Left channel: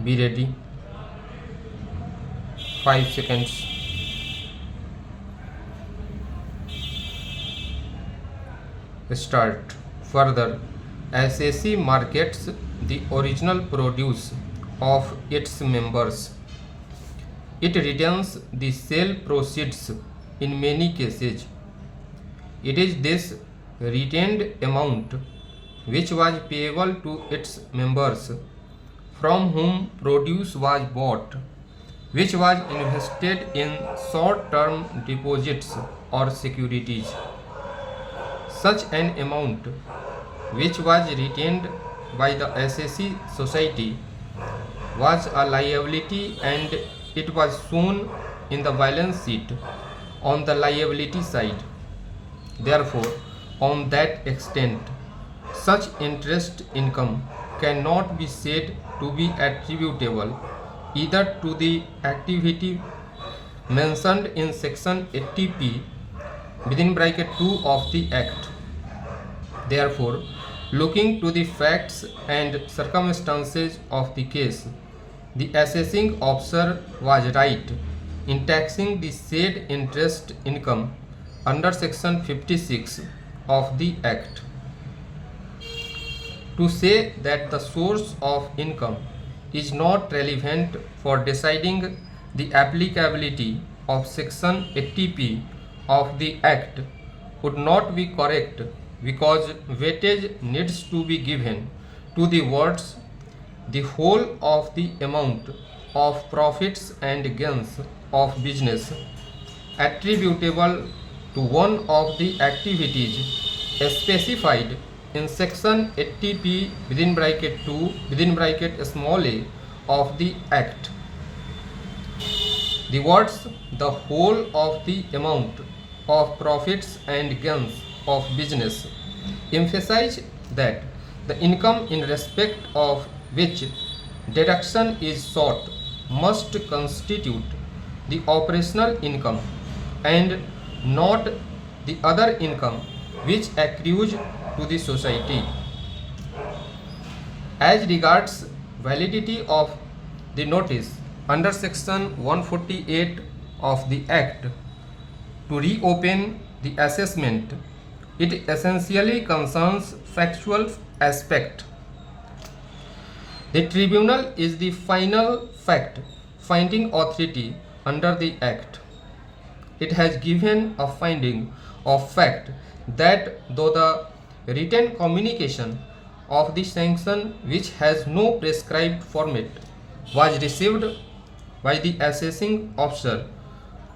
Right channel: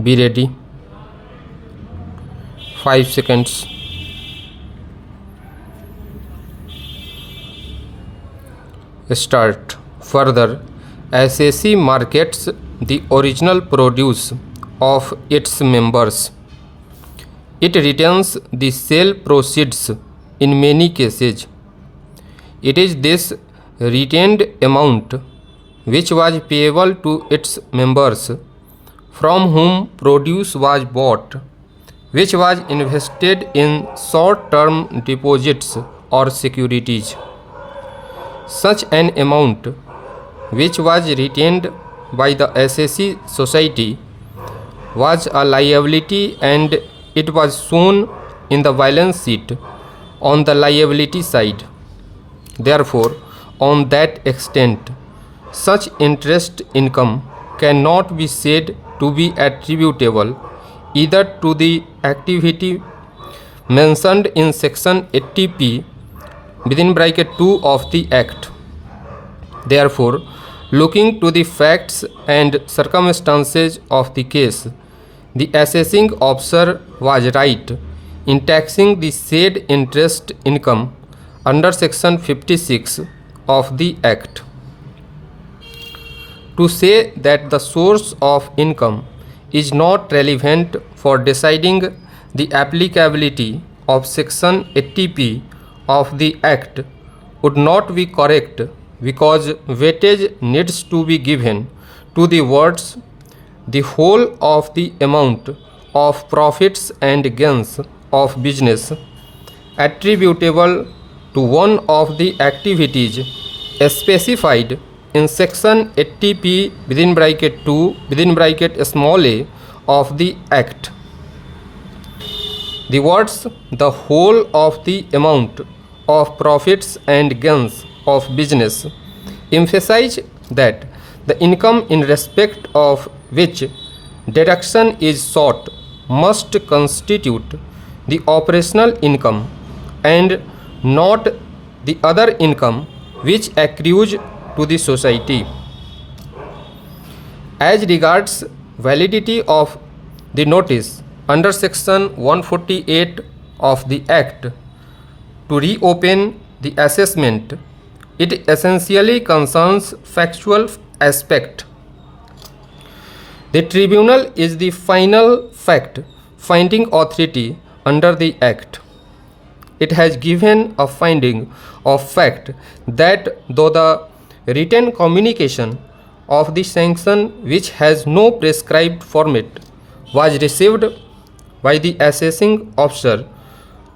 Be ready. 5 seconds. Start. Further, SAC markets the original produce of its members. It retains the sale proceeds in many cases. It is this retained amount which was payable to its members from whom produce was bought, which was invested in short-term deposits or securities. Such an amount, which was retained by the SAC Society, was a liability and it was shown in the balance sheet on the liability side. Therefore, on that extent, such interest income cannot be said to be attributable either to the activity mentioned in section 80p within bracket 2 of the Act. Therefore, looking to the facts and circumstances of the case, the assessing officer was right in taxing the said interest income under section 56 of the Act. To say that the source of income is not relevant for deciding the applicability of section 80p of the Act would not be correct, because weightage needs to be given to the words "the whole of the amount of profits and gains of business attributable to one of the activities specified in section 80p within bracket 2 within bracket small a of the Act." The words "the whole of the amount of profits and gains of business" emphasize that the income in respect of which deduction is sought must constitute the operational income and not the other income which accrues to the society. As regards validity of the notice under section 148 of the Act to reopen the assessment, it essentially concerns factual aspect. The tribunal is the final fact finding authority under the Act. It has given a finding of fact that though the written communication of the sanction, which has no prescribed format, was received by the assessing officer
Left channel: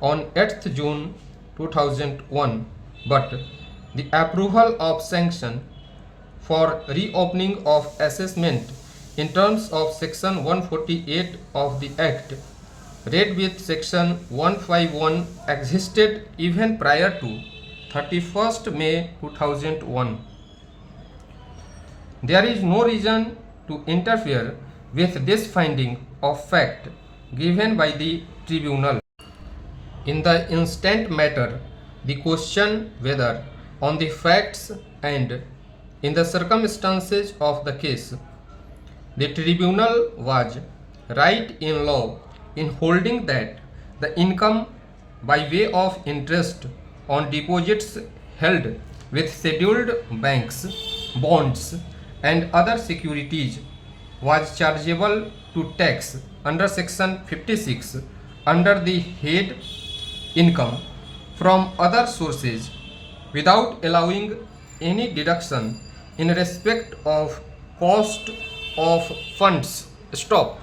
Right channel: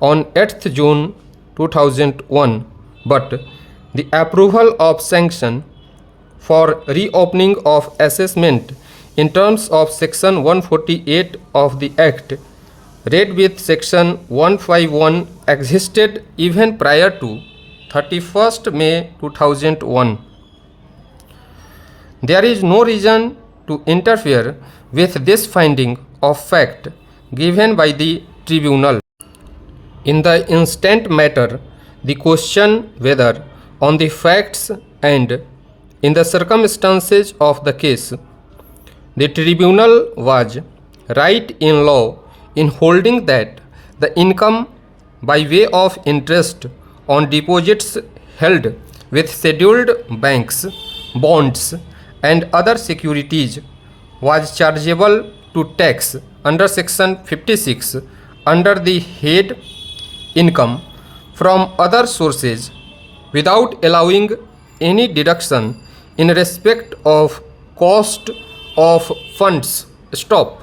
on 8th June 2001, but the approval of sanction for reopening of assessment in terms of section 148 of the Act, read with section 151, existed even prior to 31st May 2001. There is no reason to interfere with this finding of fact given by the tribunal. In the instant matter, the question whether on the facts and in the circumstances of the case, the tribunal was right in law in holding that the income by way of interest on deposits held with scheduled banks, bonds, and other securities was chargeable to tax under section 56 under the head income from other sources without allowing any deduction in respect of cost of funds. Stop.